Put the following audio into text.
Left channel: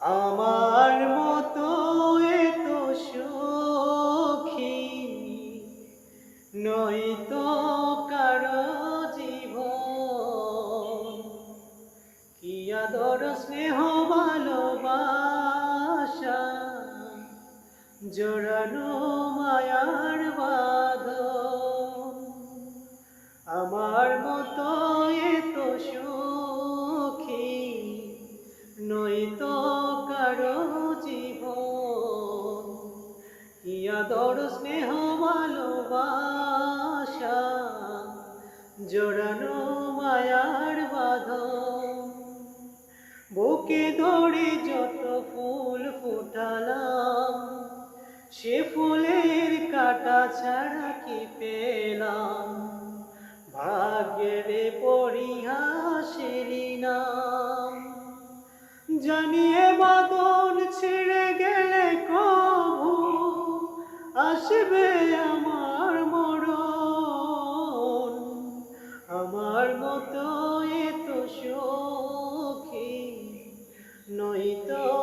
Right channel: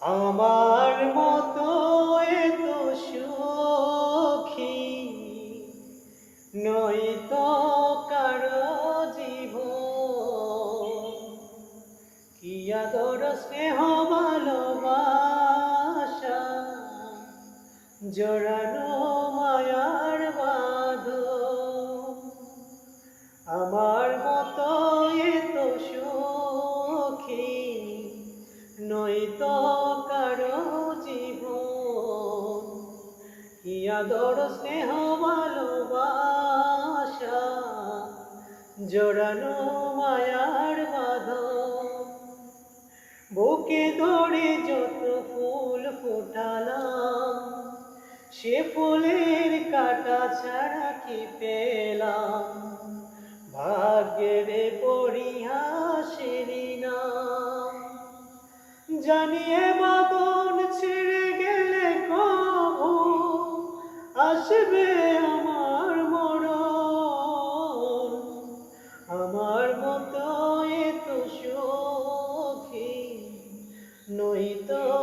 আমার মতো এত সুখী নয়তো কারো জীবন। কি আদর স্নেহ ভালোবাসা জড়ানো মায়ার বাঁধন। আমার মতো এত সুখী নয়তো কারো জীবন। কি আদর স্নেহ ভালোবাসা জড়ানো মায়ার বাঁধন। বুকে ধরে যত ফুল ফুটালাম, সে ফুলের কাটা ছাড়া কি পেলাম? ভাগ্যের পরিহাসের নাম। জানিয়ে বাদন ছিঁড়ে গেলে কবু আসবে আমার মরণ। আমার মতো এত সুখী নয়তো